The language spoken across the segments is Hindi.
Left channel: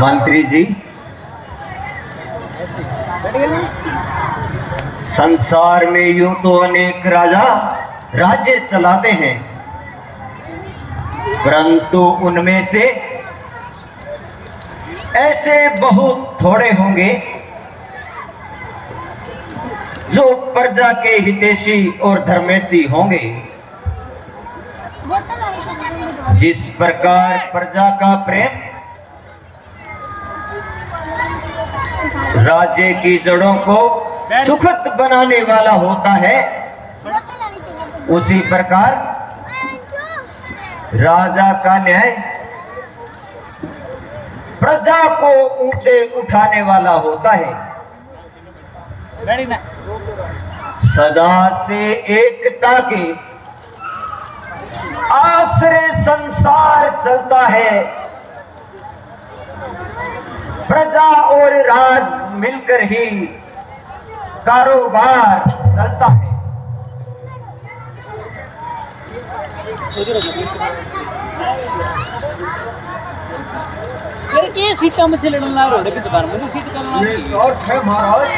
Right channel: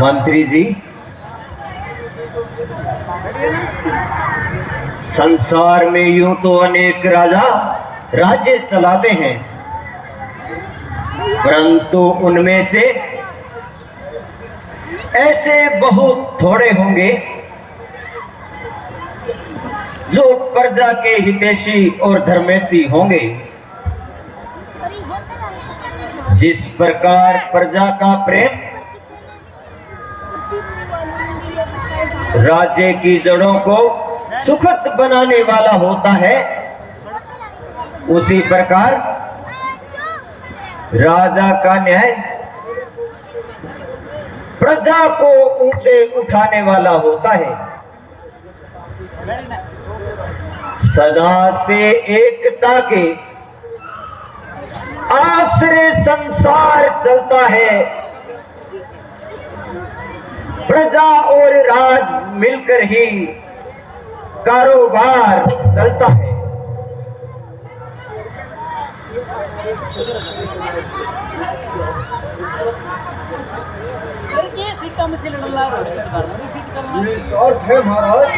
मंत्री जी, संसार में यूं तो अनेक राजा राज्य चलाते हैं, परंतु उनमें से ऐसे बहुत थोड़े होंगे जो प्रजा के हितैषी और धर्मेशी होंगे। जिस प्रकार प्रजा का प्रेम राज्य की जड़ों को सुखद बनाने वाला होता है, उसी प्रकार राजा का न्याय प्रजा को ऊंचे उठाने वाला होता है। सदा से एकता के आश्रय संसार चलता है, प्रजा और राज मिलकर ही कारोबार चलता है। सीटा में से लड़ना है और महाराज,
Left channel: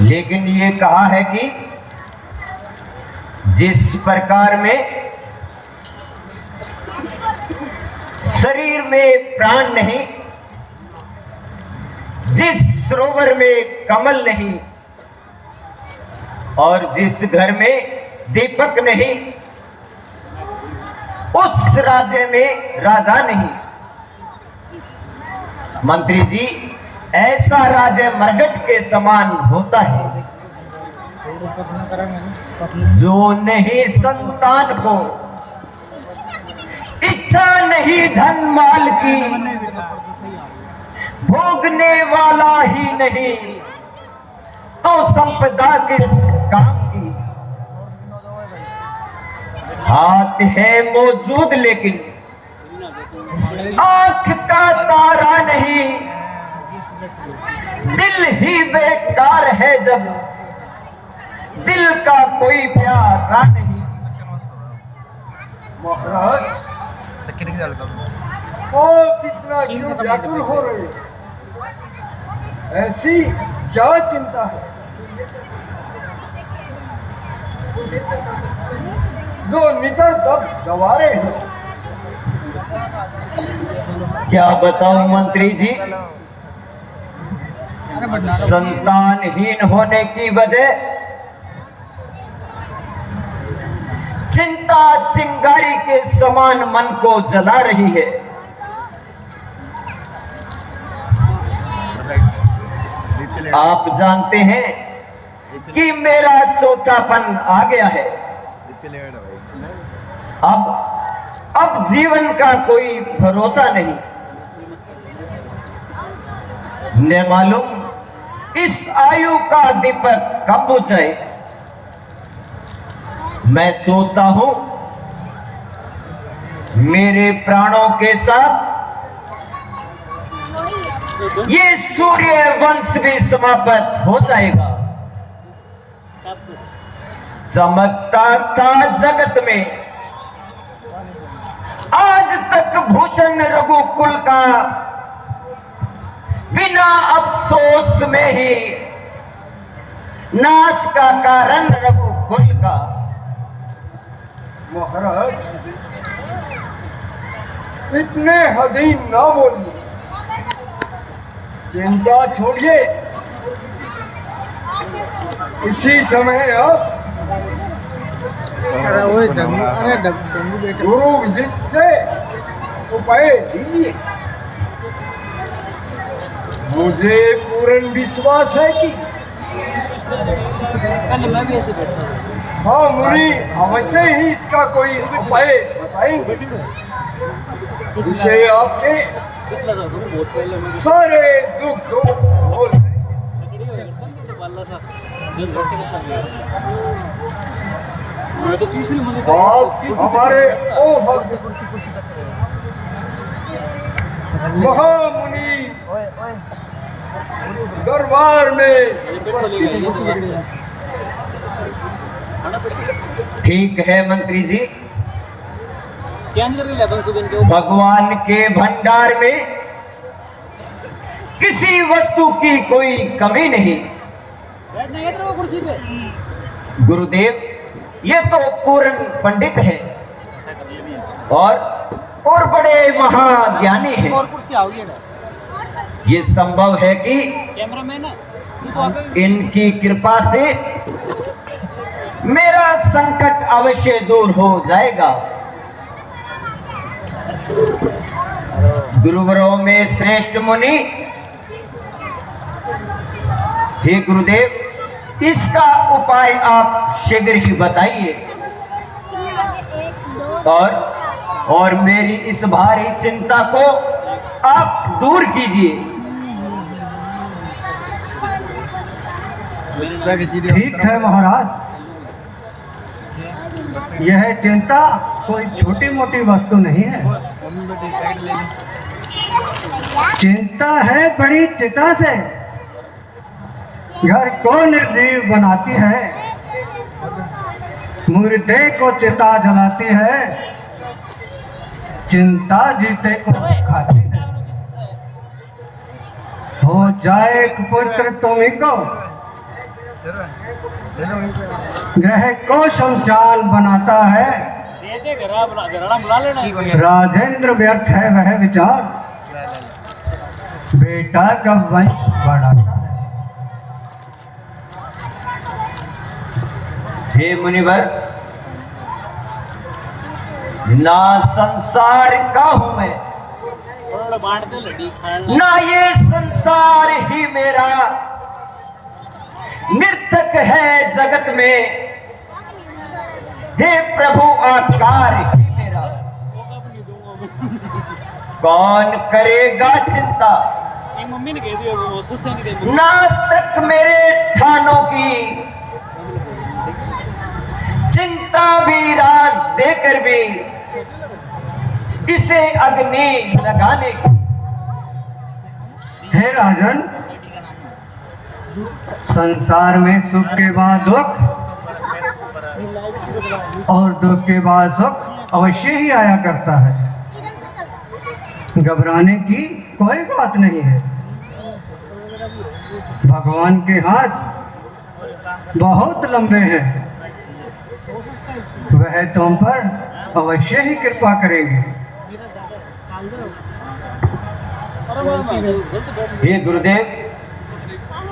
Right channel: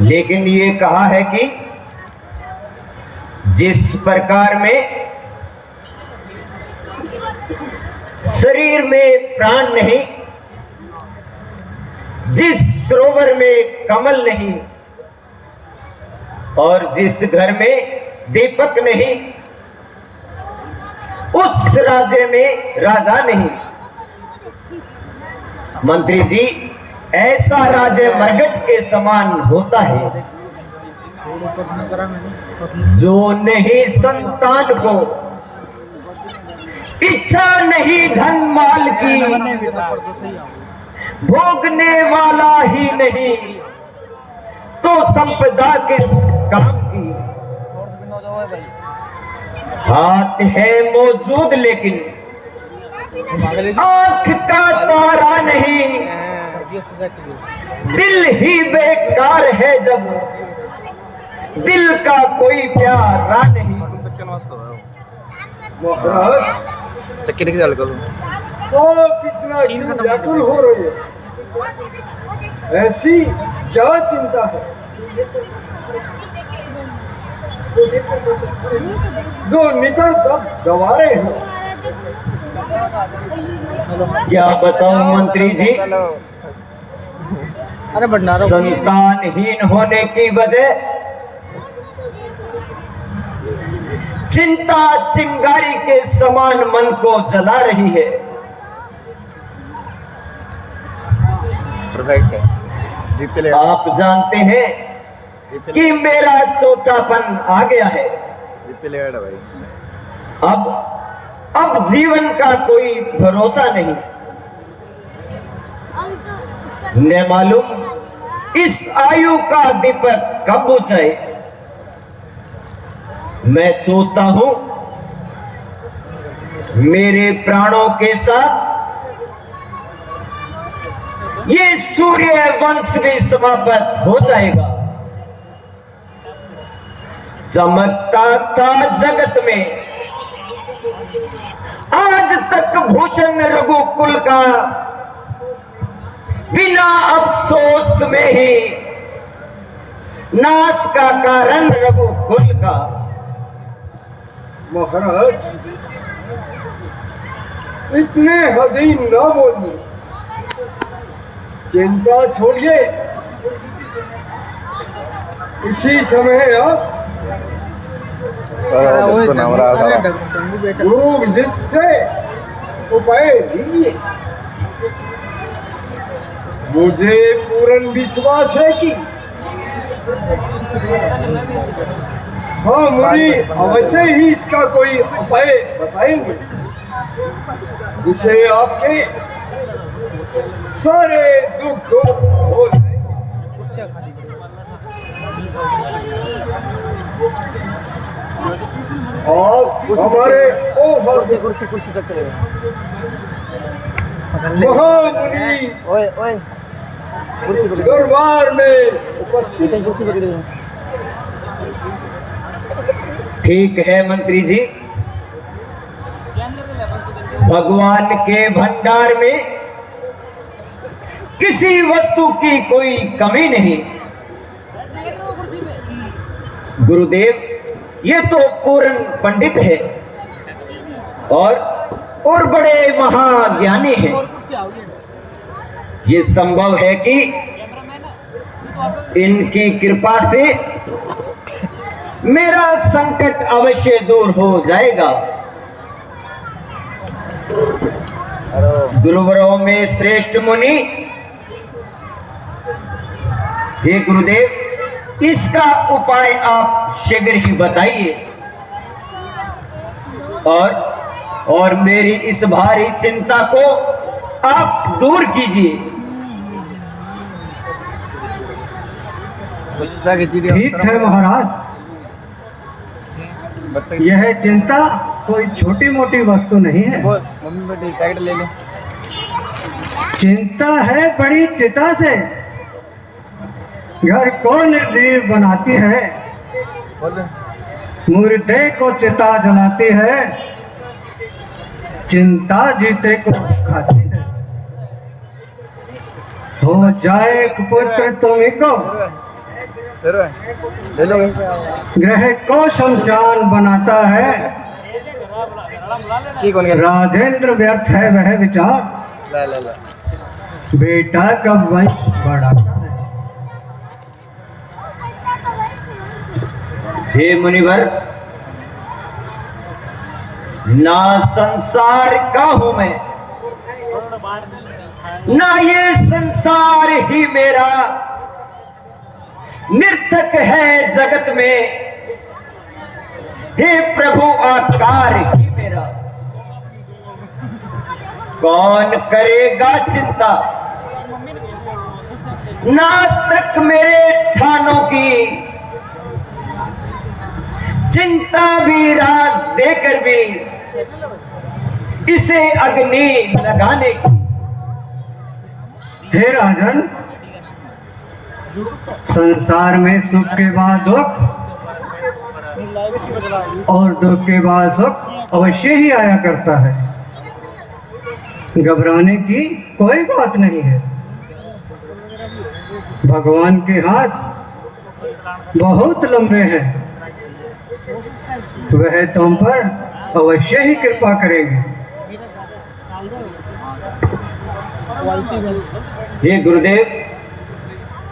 लेकिन ये कहा है कि जिस प्रकार में शरीर में प्राण नहीं, जिस सरोवर में कमल नहीं और जिस घर में दीपक नहीं, उस राज्य में राजा नहीं। मंत्री जी, ऐसा राज्य मरघट के समान होता है जो नहीं संतान को इच्छा नहीं धन माल की, भोगने वाला ही नहीं तो संपदा किस काम की। हाथ है मौजूद लेकिन आंख का तारा नहीं, दिल ही बेकार है जब दिल का कोई प्यारा नहीं। चक्की देखिए डाल कर कितना व्याकुल हो रही है, ऐसी क्या चिंता है जो नितर तक गवारे हैं। क्या बताऊं मंत्री जी, संतानहीन होने की वजह चिंता चिंगारी के समान मन को जला रही है। आप जानते हैं कि मेरा चौथापन आ गया है। अब जीवन का कोई भरोसा नहीं। न मालूम इस आयु का दीपक कब बुझे। मैं सोचता हूं मेरे प्राणों के साथ ये सूर्य वंश भी समाप्त हो जाएगा। चमकता था जगत में आज तक भूषण रघुकुल का, बिना अफसोस में ही नाश का कारण रघुकुल का। महाराज, इतने हदीन ना बोलिए, चिंता छोड़िए। इसी समय आप गुरु विशिष्ट से उपाय लीजिए। मुझे पूर्ण विश्वास है कि हाँ मुनि अवश्य ही इसका कोई उपाय बताएंगे जिससे आपके सारे दुख दूर हो जाए। आप हमारे महामुनि दरबार में ठीक है मंत्री जी, क्या नहीं कर रहे लेबल सुबह के भगवान के भंडार में किसी वस्तु की कोई कमी नहीं। बैठना है तो कुर्सी पे गुरुदेव, ये तो पूर्ण पंडित है और बड़े महाज्ञानी हैं। और कुर्सी आओगी ना ये संभव है कि कैमरामैन है इनकी कृपा से मेरा संकट अवश्य दूर हो जाएगा। गुरुवरों में श्रेष्ठ मुनि, हे गुरुदेव, इसका उपाय आप शीघ्र ही बताइए और मेरी इस भारी चिंता को आप दूर कीजिए। ठीक है महाराज, यह चिंता कोई छोटी मोटी वस्तु नहीं है। चिंता है बड़ी चिता से, घर को निर्जीव बनाती है, मुर्दे को चिता जलाती है, चिंता जीते को खाती है। हो जाए पुत्र तुम्हें को, ग्रह को शमशान बनाता है, राजेंद्र व्यर्थ है वह विचार, बेटा कब वंश बढ़ाता है। हे मुनिवर, ना संसार का हूं मैं, ना ये संसार ही मेरा, निर्थक है जगत में, हे प्रभु आकार ही मेरा। कौन करेगा चिंता, मम्मी ने कह दिया वो दूसरे ने कह नाज तक मेरे ठानों की, चिंता भी राज देकर भी इसे अग्नि लगाने की। हे राजन, संसार में सुख के बाद दुख और दुख के बाद सुख अवश्य ही आया करता है। घबराने की कोई बात नहीं है। भगवान के हाथ बहुत लंबे हैं, वह तुम पर अवश्य ही कृपा करेंगे। हे गुरुदेव,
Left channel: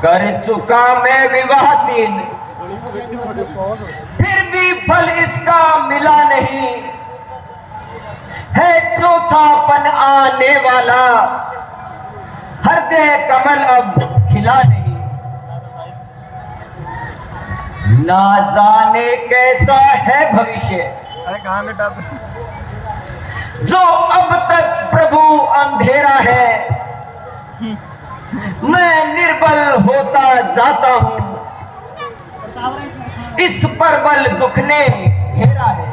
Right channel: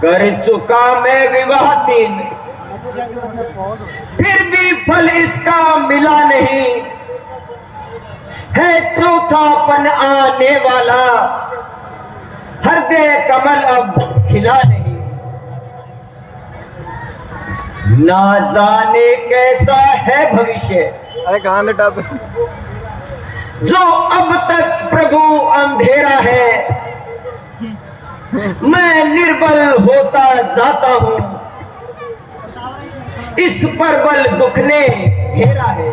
कर चुका मैं विवाह 3, फिर भी फल इसका मिला नहीं, है चौथापन आने वाला, हृदय कमल अब खिला नहीं। ना जाने कैसा है भविष्य, अरे कहाँ ले टाप जो अब तक प्रभु अंधेरा है, मैं निर्बल होता जाता हूं, इस प्रबल दुख ने घेरा है।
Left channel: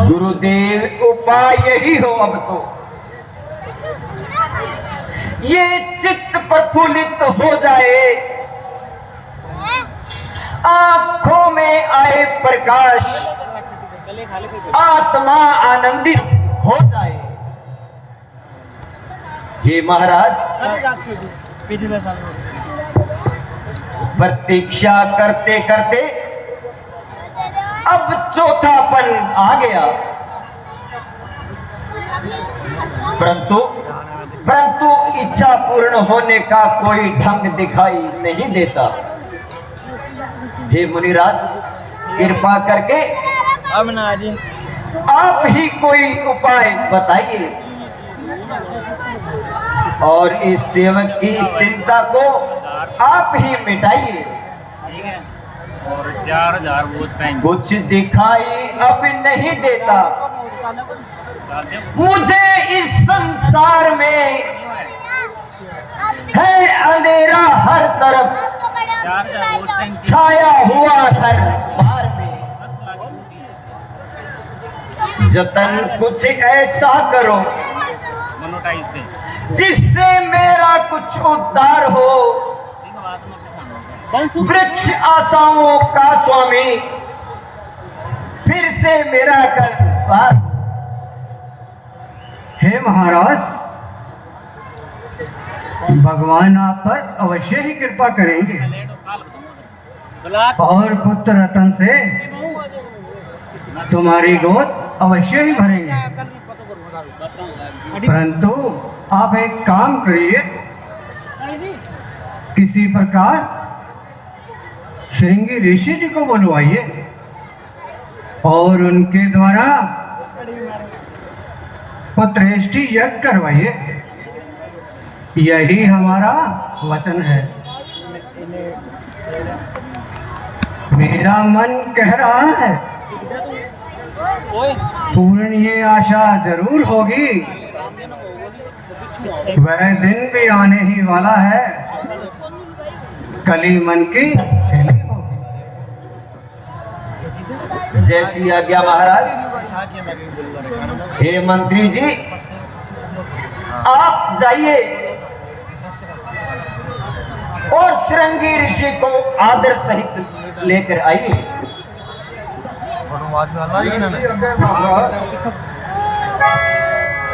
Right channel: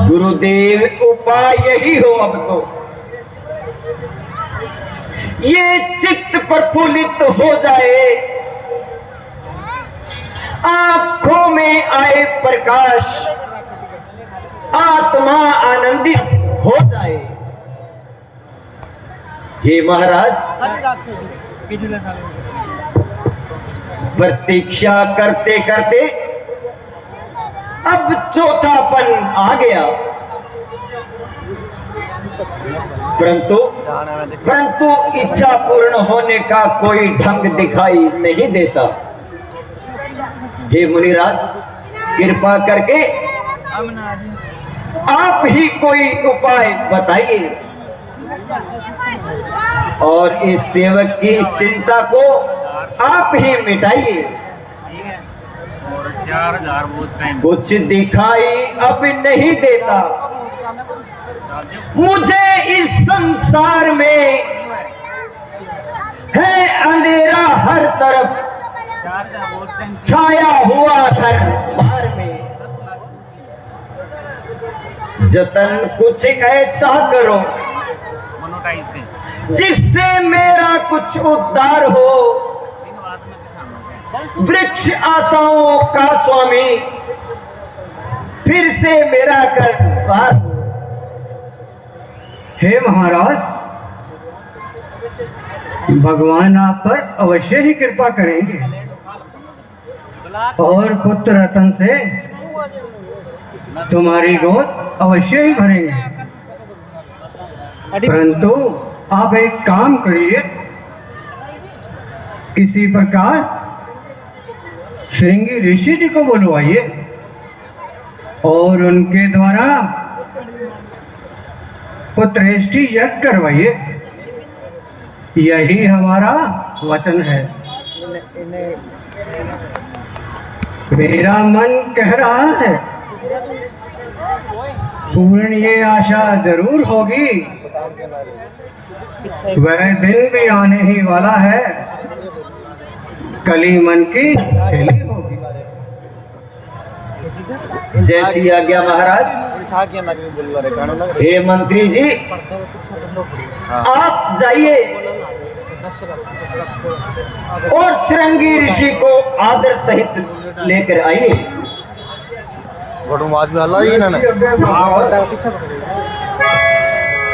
गुरुदेव, उपाय यही हो अब तो, ये चित्त प्रफुल्लित हो जाए, आंखों में आए प्रकाश, आत्मा आनंदित हो जाए। हे महाराज, प्रतीक्षा करते करते अब चौथापन आ गया, परंतु इच्छा पूर्ण होने का कोई ढंग दिखाई नहीं देता। हे मुनिराज, कृपा करके आप ही कोई उपाय बताइए और इस सेवक की इस चिंता को आप ही मिटाइए। ठीक है, और 4000 वो उस टाइम कुछ दिखाई अब नहीं देता मुझे, इस संसार में है अंधेरा हर तरफ, 4000 वो उस टाइम छाया हुआ घर बार में। 10 लाख जतन कुछ ऐसा करो मोनोटाइज के जिससे मेरा कुछ उद्धार हो, बात में किसान वृक्ष आशाओं का स्वामी, फिर से मेरा कर पार हो। हे महाराज, भगवान आप पर अवश्य ही कृपा करेंगे और पुत्र रतन से तुम्हारी गोद अवश्य ही भरेंगे। परंतु आप एक काम करिए, किसी प्रकार श्रृंगी ऋषि जी को बुलवाइए और उनके द्वारा पुत्रेष्टि यज्ञ करवाइए। यही हमारा वचन है। मेरा मन कह रहा है पूर्ण ये आशा जरूर होगी, वह दिन भी आने ही वाला है, कली मन की खेली होगी। जैसी आज्ञा महाराज। हे मंत्री जी, आप जाइए और श्रृंगी ऋषि को आदर सहित लेकर आइए। आज में हल्ला ही ना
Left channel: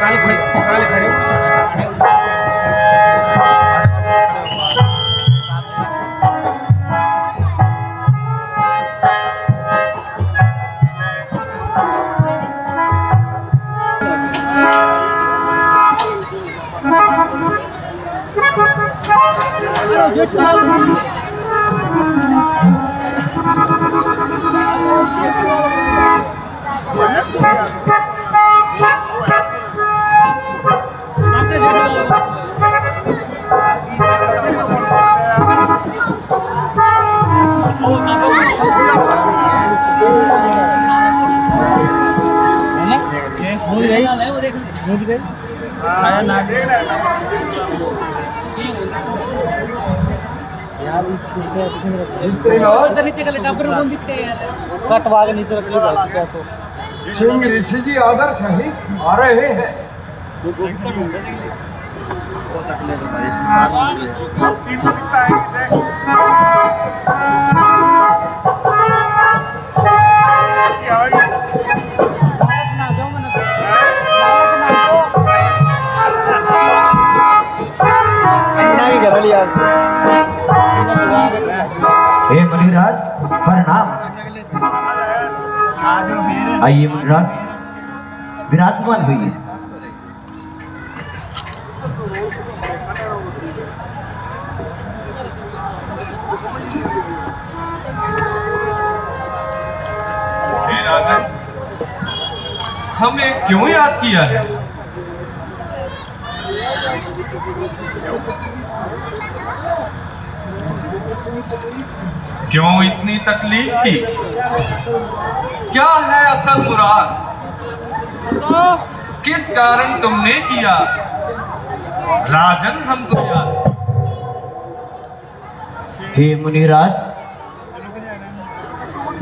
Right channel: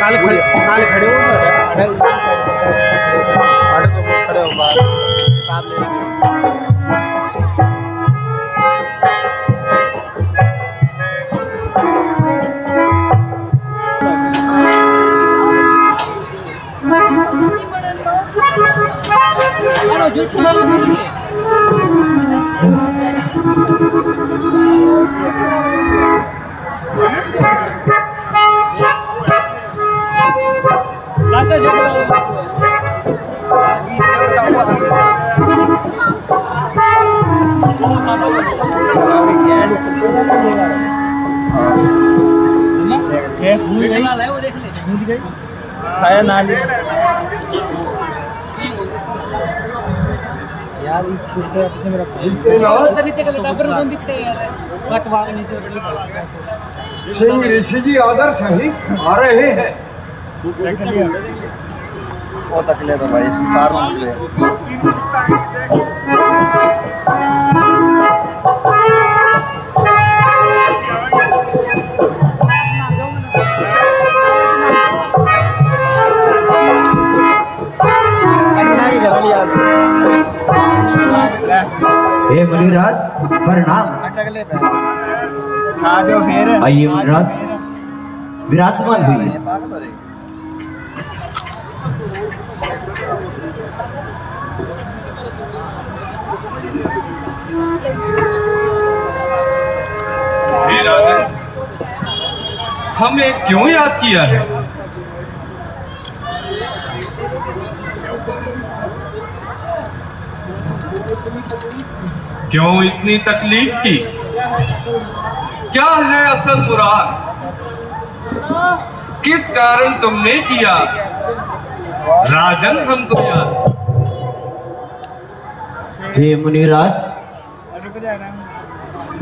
काल खड़े हो यार नीचे कटवा के नीचे श्री ऋषि जी आदर सही आ रहे हैं। बहुत अकेले तो भाई संसार हे मुनिराज प्रणाम। आइए मुनिराज, विराजमान हुई। हे राजन, हमें क्यों याद किया है? क्यों इतनी तकलीफ की? क्या है असल मुराद? किस कारण तुमने किया राजन हमको याद? हे मुनिराज,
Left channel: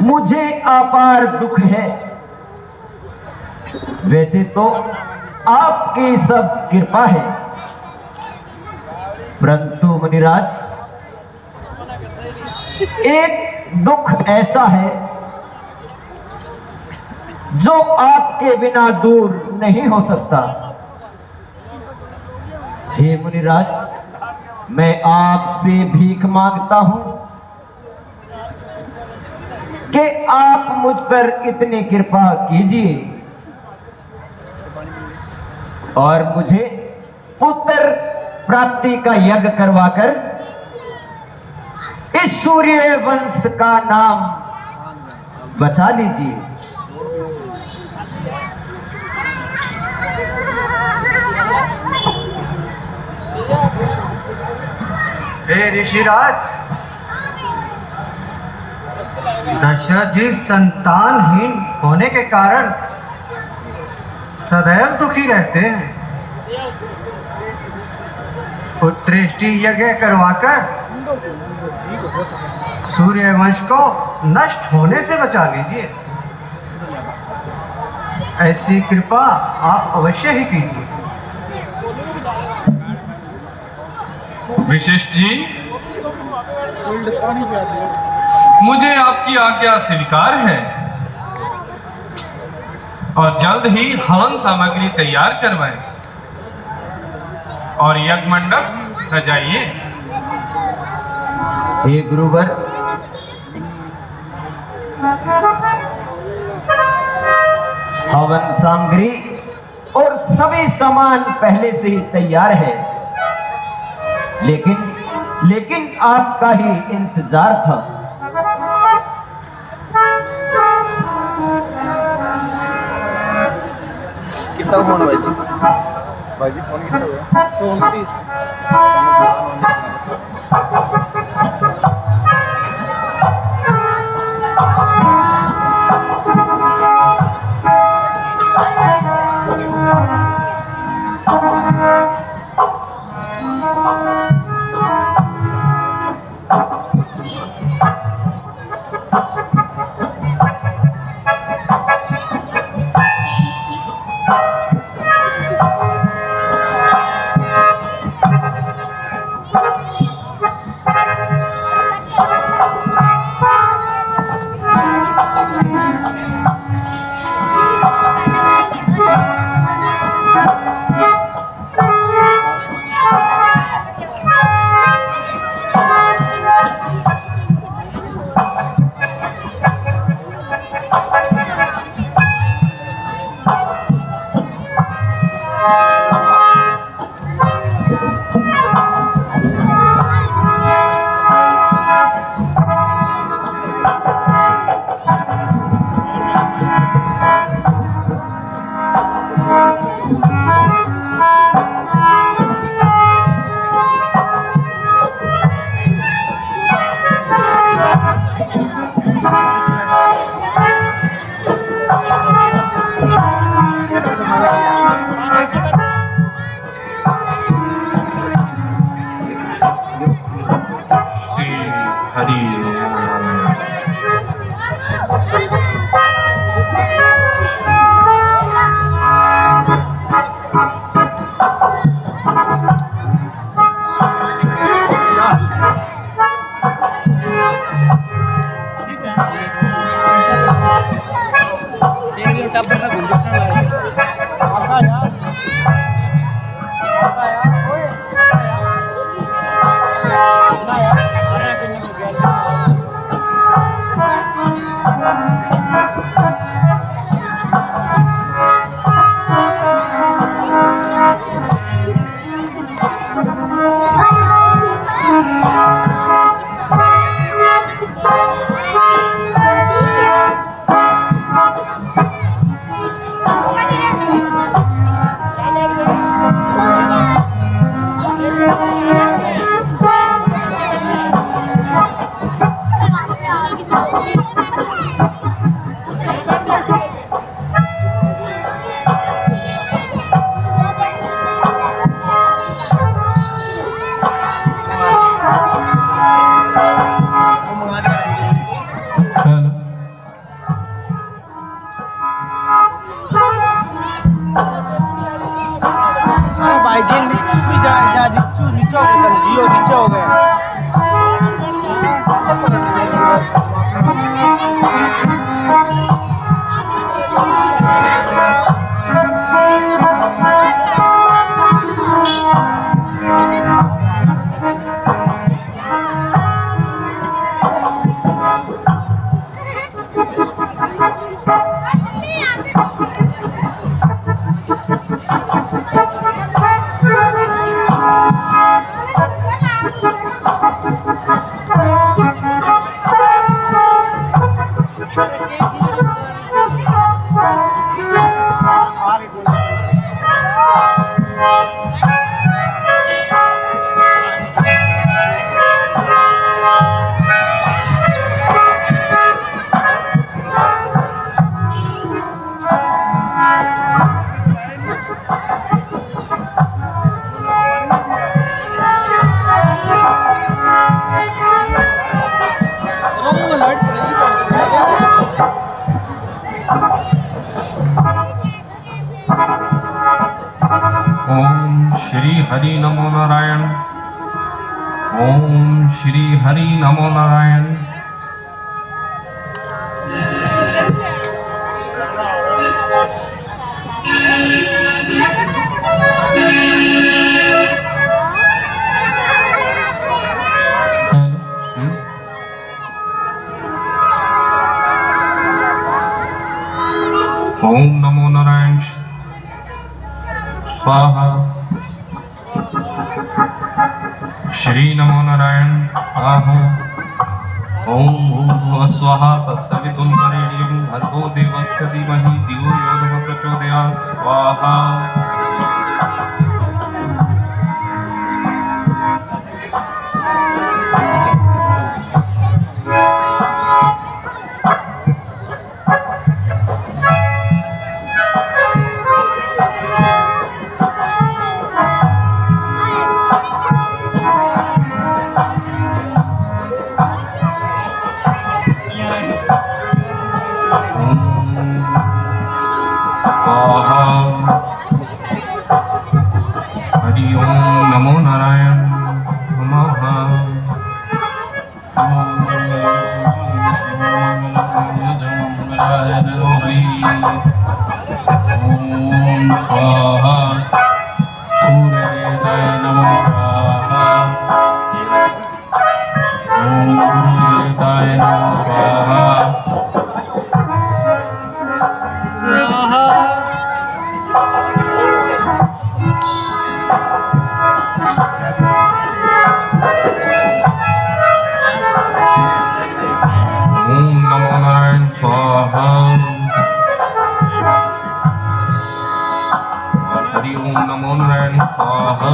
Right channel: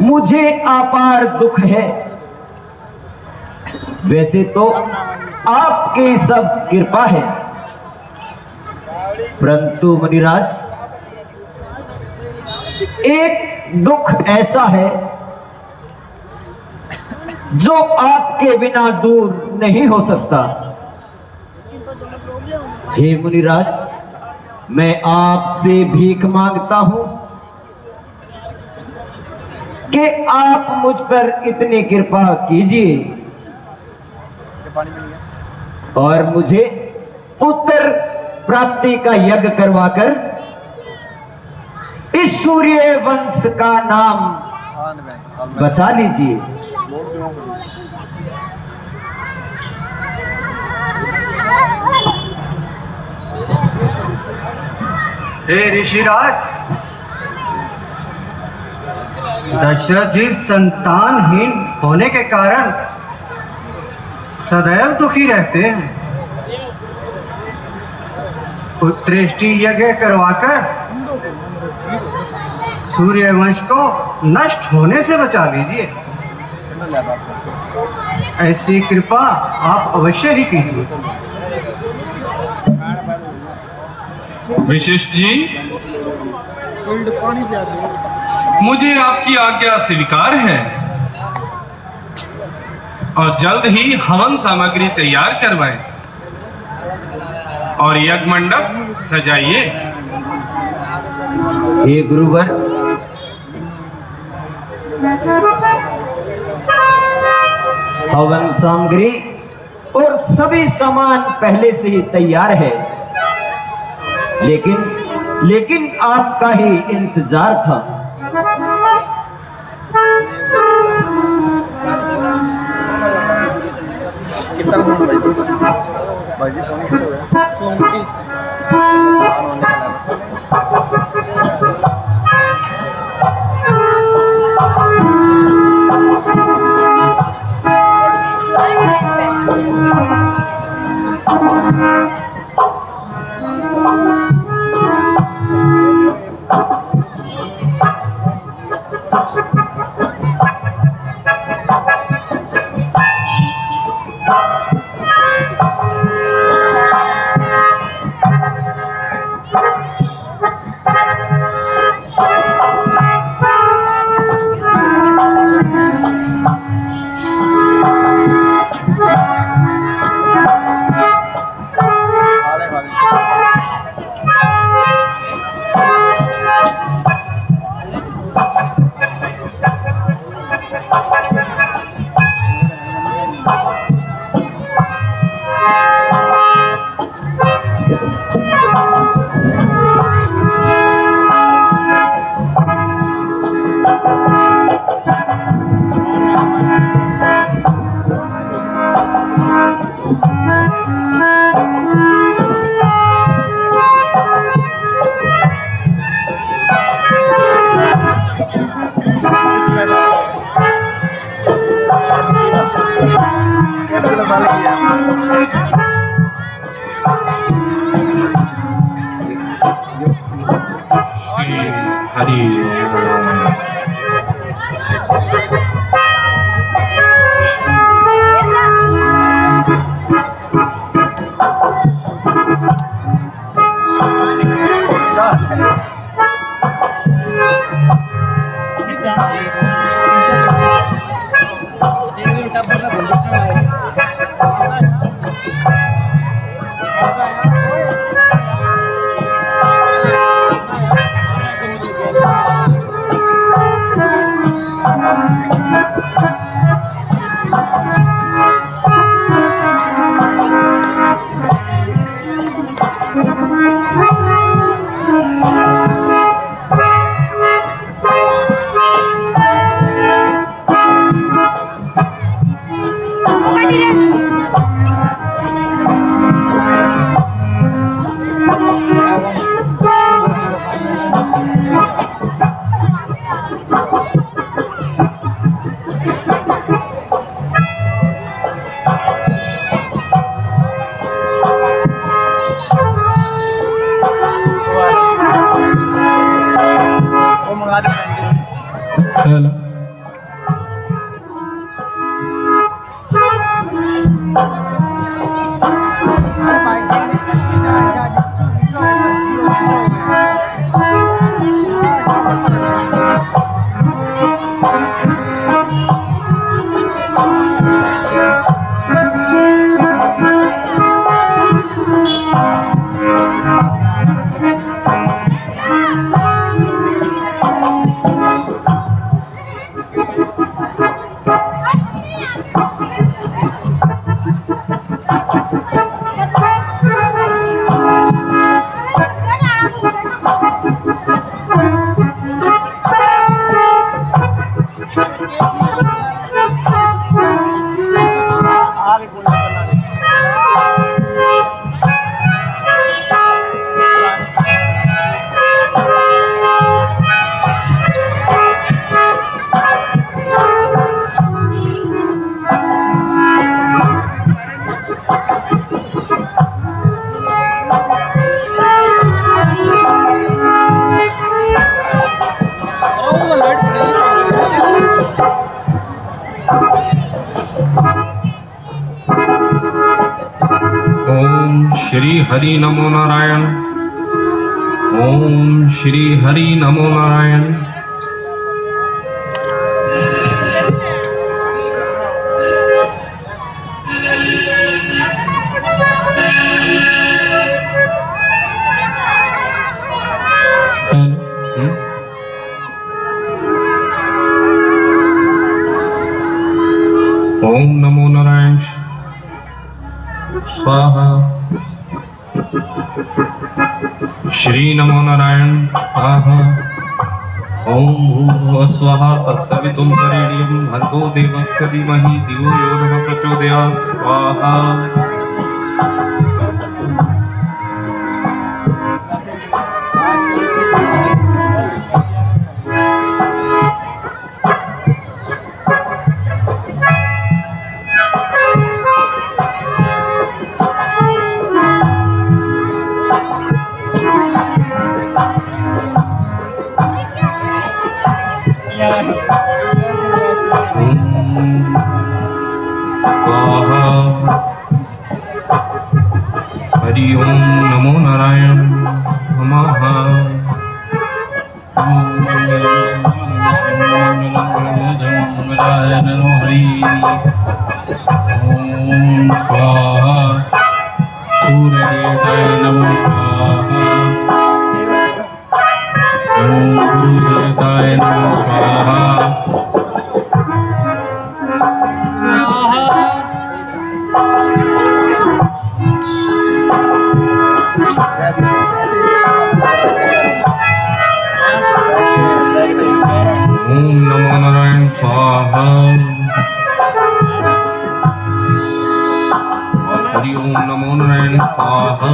मुझे अपार दुख है। वैसे तो आपकी सब कृपा है, परंतु मुनिराज एक दुख ऐसा है जो आपके बिना दूर नहीं हो सकता। हे मुनिराज, मैं आपसे भीख मांगता हूं कि आप मुझ पर इतनी कृपा कीजिए और मुझे पुत्र प्राप्ति का यज्ञ करवाकर इस सूर्य वंश का नाम बचा लीजिए। हे ऋषिराज, दशरथ जी संतानहीन होने के कारण सदैव दुखी रहते हैं। पुत्रेष्टि यज्ञ करवाकर सूर्य वंश को नष्ट होने से बचा लीजिए। ऐसी कृपा आप अवश्य ही कीजिए। विशिष्ट जी, मुझे आपकी आज्ञा स्वीकार है। और जल्द ही हवन सामग्री तैयार करवाएं और यज्ञ मंडप सजाइए। हे गुरुवर, हवन सामग्री और सभी सामान पहले से ही तैयार है, लेकिन आपका ही इंतजार था। कितना फोन भाई जी? भाई जी फोन कितना हुआ? 129 नुकसान होने वाला है बस। हरि श्री हरि नमो नारायण। ओम श्री हरि नमो नारायण। ओम नमो नारायण स्वाहा। श्री नमो नारायण स्वाहा। ओम भूर्भुवः स्वाहा तत्सवितुर्वरेण्यं भर्गो देवस्य धीमहि धियो यो नः प्रचोदयात् स्वाहा। हरि ओम नमो नारायण नमः। ओम स्वाहा। सूर्यदेवताय नमो स्वाहा। ओम गुरुदेवताय नमो स्वाहा। ओम नमो नारायण स्वाहा। हरि ओम नमो नारायण स्वाहा।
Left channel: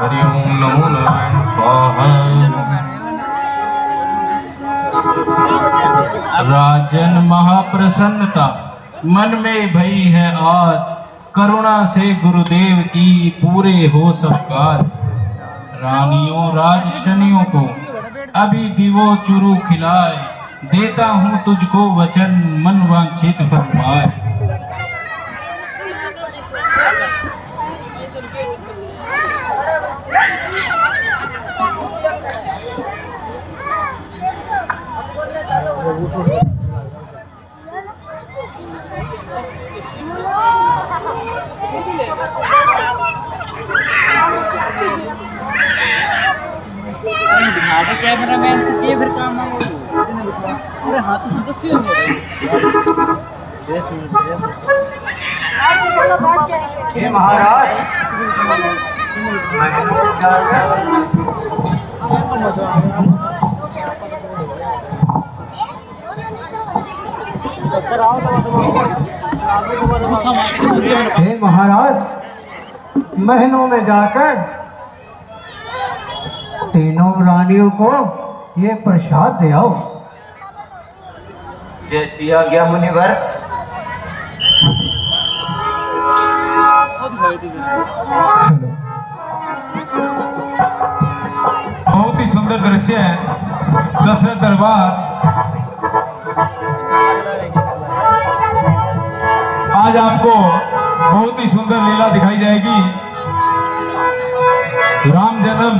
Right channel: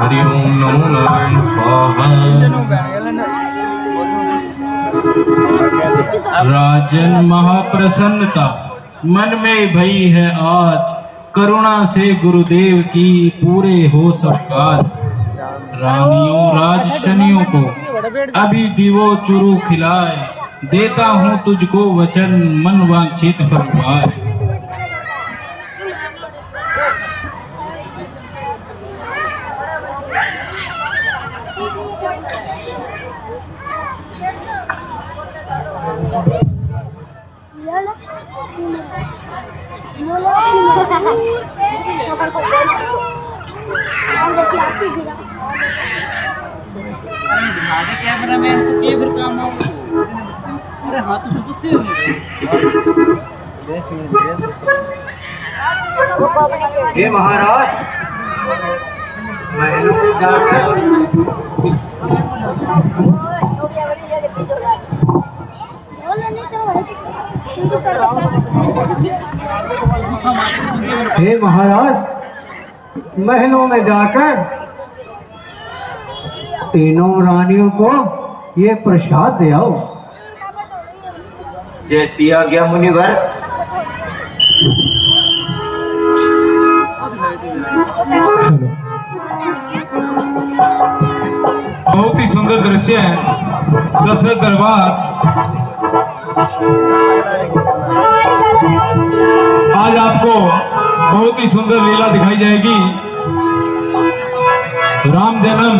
हरि ओम नमो नारायण स्वाहा। राजन महाप्रसन्नता मन में भई है आज, करुणा से गुरुदेव की पूरे हो सब काज। रानियों राजशनियों को अभी दिवो चुरू खिलाए, देता हूँ तुझको वचन मन वांछित फल पाए। कैमरामैन को के फिर काम आओ। अरे हाँ तो सदस्य हो हे महाराज, महलों में जाकर हे महाराज, महलों में जाकर तीनों रानियों को ये प्रसाद दे आओ। जैसी आज्ञा मुनिवर। बहुत ही सुंदर दृश्य है। दशरथ दरबार आज आपको बहुत ही सुंदर लीला दिखाई जाएगी। राम जन्म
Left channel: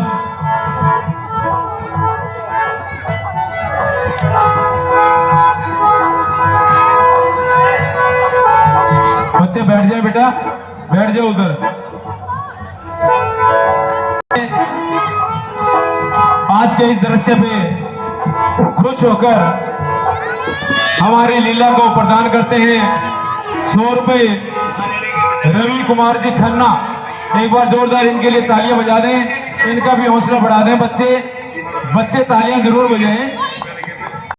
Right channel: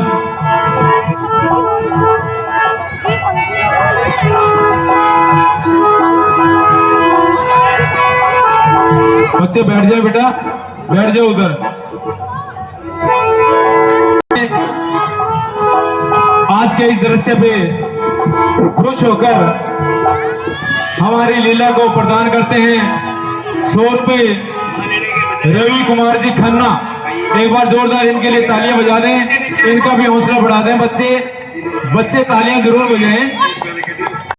बच्चे बैठ जाए, बेटा बैठ जाओ उधर। आज के इस दृश्य पे खुश होकर हमारी लीला को प्रदान करते हैं 100 रुपये रवि कुमार जी खन्ना। एक बार जोरदार इनके लिए तालियां बजा दें, इनका भी हौसला बढ़ा दें। बच्चे तालियां जरूर बजाएं।